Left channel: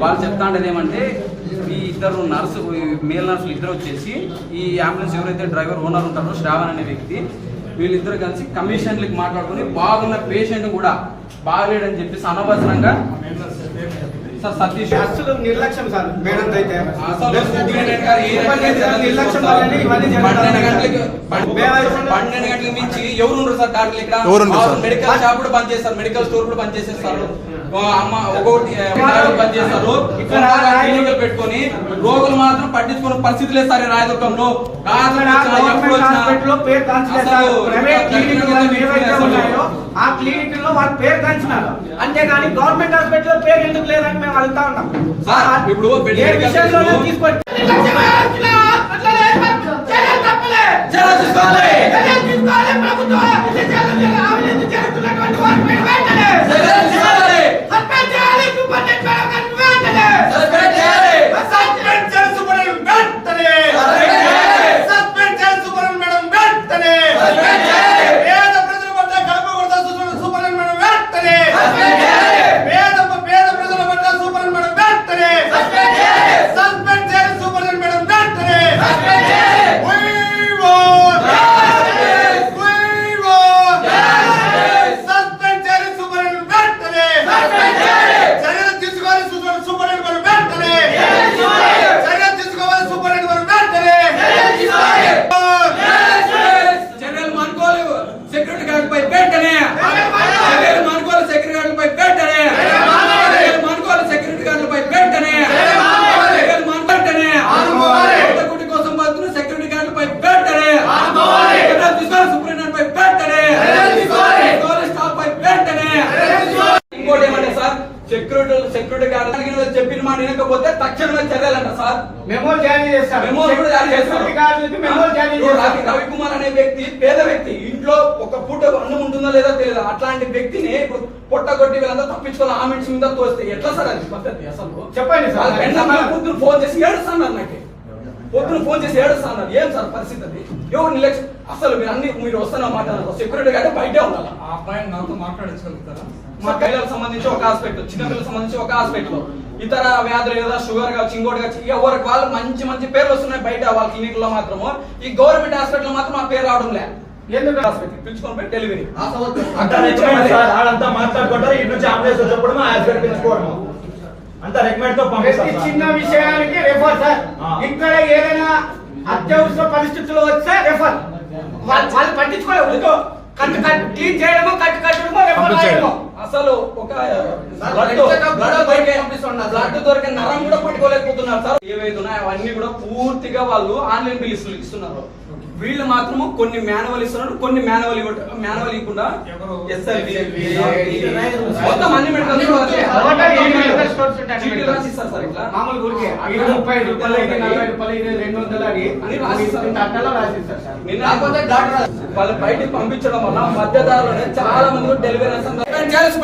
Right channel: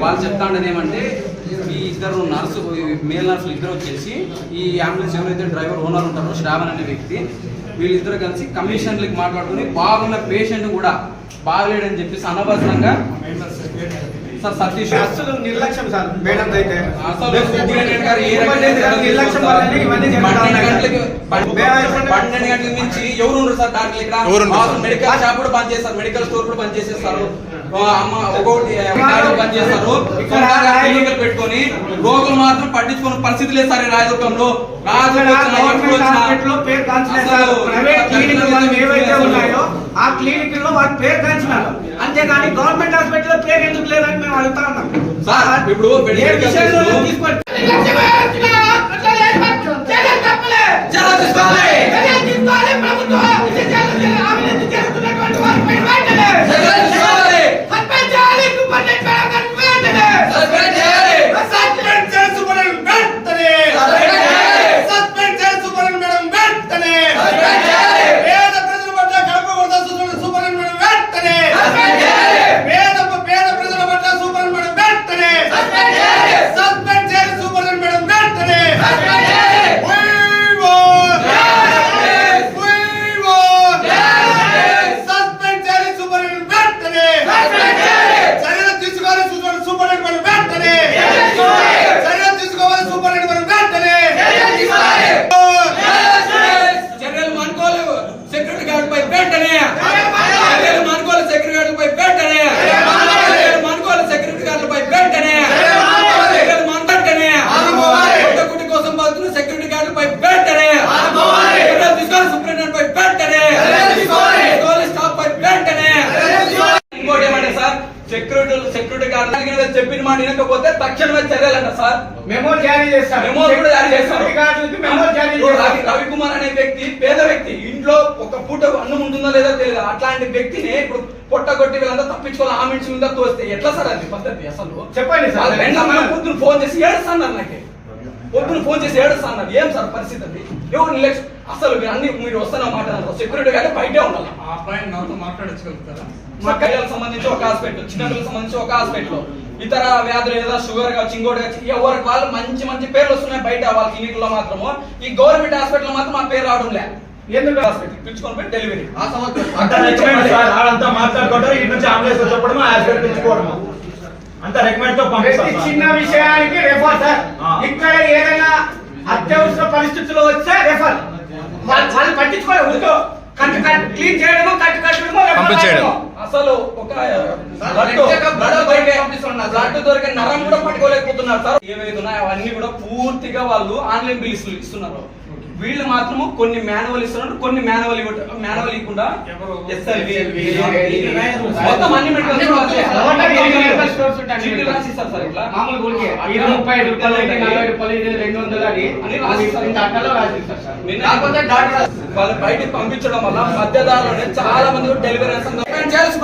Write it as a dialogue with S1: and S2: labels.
S1: వాళ్ళు చెప్తాండేది ఏమంటే ఈ ఇద్దరు నర్సు మేల్ నర్సులు ఇద్దరు వచ్చేసి ఈ అంబులెన్స్ ఎవరైతే డ్రైవర్ ఓనర్ ఉంటారో శ్రావణ్ అనే వ్యక్తి వీళ్ళిద్దరు కలిసి కమిషన్లకి మాట్లాడుకుని బాగున్న పేషెంట్ కూడా బాగలేడని చెప్పేసి అనవసరంగా సార్ సతీష్
S2: అసలు నిర్లక్ష్యం సార్ మేడం అయితే.
S1: పన్నెండు గంటల నుంచి ఎవరు ఉన్నారు సార్ ఇక్కడ? మెడికల్ షాప్ కూడా బంద్ చేస్తారు. మెడికల్ స్టోర్ కూడా బంద్ చేసేస్తారు. అమ్మ బంద్ చేస్తారు. క్లినికల్ పెట్టుకొని రోగులు మాత్రం పట్టించుకునే పరిస్థితి లేదు సార్ రాయదుర్గంలో. వచ్చినా ఎప్పుడు వచ్చినా
S2: హాస్పిటల్లో పేరు కాల్చలేదు సార్.
S1: అసలు
S2: ప్రైవేట్ క్లినిక్ వాళ్ళు ఏవైతే
S1: అసలు
S2: ఉన్నాయో ఆ క్లినిక్లో వాళ్ళ పేరు కాల్చినారు అంతేగాని గవర్నమెంట్ హాస్పిటల్ పేరు ఎందుకు లేదని మేము అడుగుతా ఉన్నాం.
S1: సార్, ఇప్పుడు
S2: ఏ విషయంలో తీసుకోండి.
S1: సెక్యూరిటీ సెక్యూరిటీ గార్డ్ చెప్పిన మాట వినకపోతే తక్షణమే చర్యలంట సార్.
S2: మెమో జారీ చేస్తారు
S1: మెమో కూడా జారీ చేస్తారు రవి రవికుమార్ అనే వ్యక్తి పేద వ్యక్తి ఇంట్లో ఒక పూట అన్నం ఉంటుందో లేదో తెలియదు. అట్లాంటి వ్యక్తిని ఇప్పుడు పొట్ట కొట్టి వీళ్ళంతా తప్పించుకోవాలి ఆ మనిషి మీద తోస్తే ఎట్లా సార్ అది పద్ధతి అసలు?
S2: చెప్పండి సార్.
S1: పొద్దున ఫోన్ చేసి ఏడుస్తున్నారు నాకు పొద్దున ఫోన్ చేసి ఏడుస్తున్నారు ఏం సార్ పరిస్థితి అది ఎవరు నిర్లక్ష్యం అసలు మీరు అన్ని మీరు వస్తున్న మాట సెక్యూరిటీ గానీ బయటే ఉండాలి?
S3: ఆ అబ్బాయి నాతో మాట్లాడించగలుగుతారా?
S1: మా పిల్లలకు సంబంధించి ఒక హాస్పిటల్ చిన్నపిల్లలకు సంబంధించి ఒక హాస్పిటల్. ఇతర వ్యాధులు ఏదో షుగర్ కావచ్చు ఇంకోటి కావచ్చు ఎవరికి వాళ్ళు మంచి మంచి పేర్లు వస్తున్నాయి బయట వాళ్ళ క్లినిక్లో మాత్రము ఈ గవర్నమెంట్ హాస్పిటల్ మాత్రం ఆ పేరు రావడం లే
S2: ఎందుకు
S1: హాస్పిటల్? పిలుచుకొని పోయి డెలివరీ
S4: అంతా రికమెండ్ సార్ ఆడంతా మాట్లాడుకుంటారు ఇటు నుంచి అంబులెన్స్ చెప్పడం హాస్పిటల్ తెచ్చుకోవడం అంతా రికమెండ్తో
S2: ప్రతి
S4: పంపిస్తాం
S2: చిన్న. విషయానికి రెఫర్ సార్. ఇక్కడ ఏదైనా అత్యవసర పరిస్థితులు వస్తే రెఫర్ వాళ్ళు ఊరితో కట్టు కట్టు క్లీన్ చేయడము కట్టు కట్టడము రెఫర్
S4: పంపించేయడం.
S2: రాయడము.
S1: అసలు ఒక బ్లడ్ దొరికే నరం కూడా పట్టుకోలేకపోతున్నారు సార్ ఏవైతే ఉన్నాయో అవన్నీ కూడా పూర్తిగా వాళ్ళు ఆన్లైన్ బిల్స్ ఇస్తున్నారు వీళ్ళు మాత్రము కొన్ని మాన్యువల్ ఇస్తున్నారు కొన్ని మాన్యువల్ మాన్యువల్ ఇవ్వకుండా
S3: ఎవరు?
S1: మొత్తం అన్ని మెడికల్
S2: స్టోర్స్ ఇది ముప్పై ఐదు రూపాయలు నలభై రూపాయలు ఇది రెండు వందలు అది
S1: అని రాసిస్తారు.
S2: ఇంత అట్టలో రాసిస్తారు సార్.
S1: నిన్న కాకపోతే డాక్టర్ వాళ్ళు బయటికి పంపించడం వల్ల మధ్యదారులు చాలా మంది డెలివరీ చేయాల్సి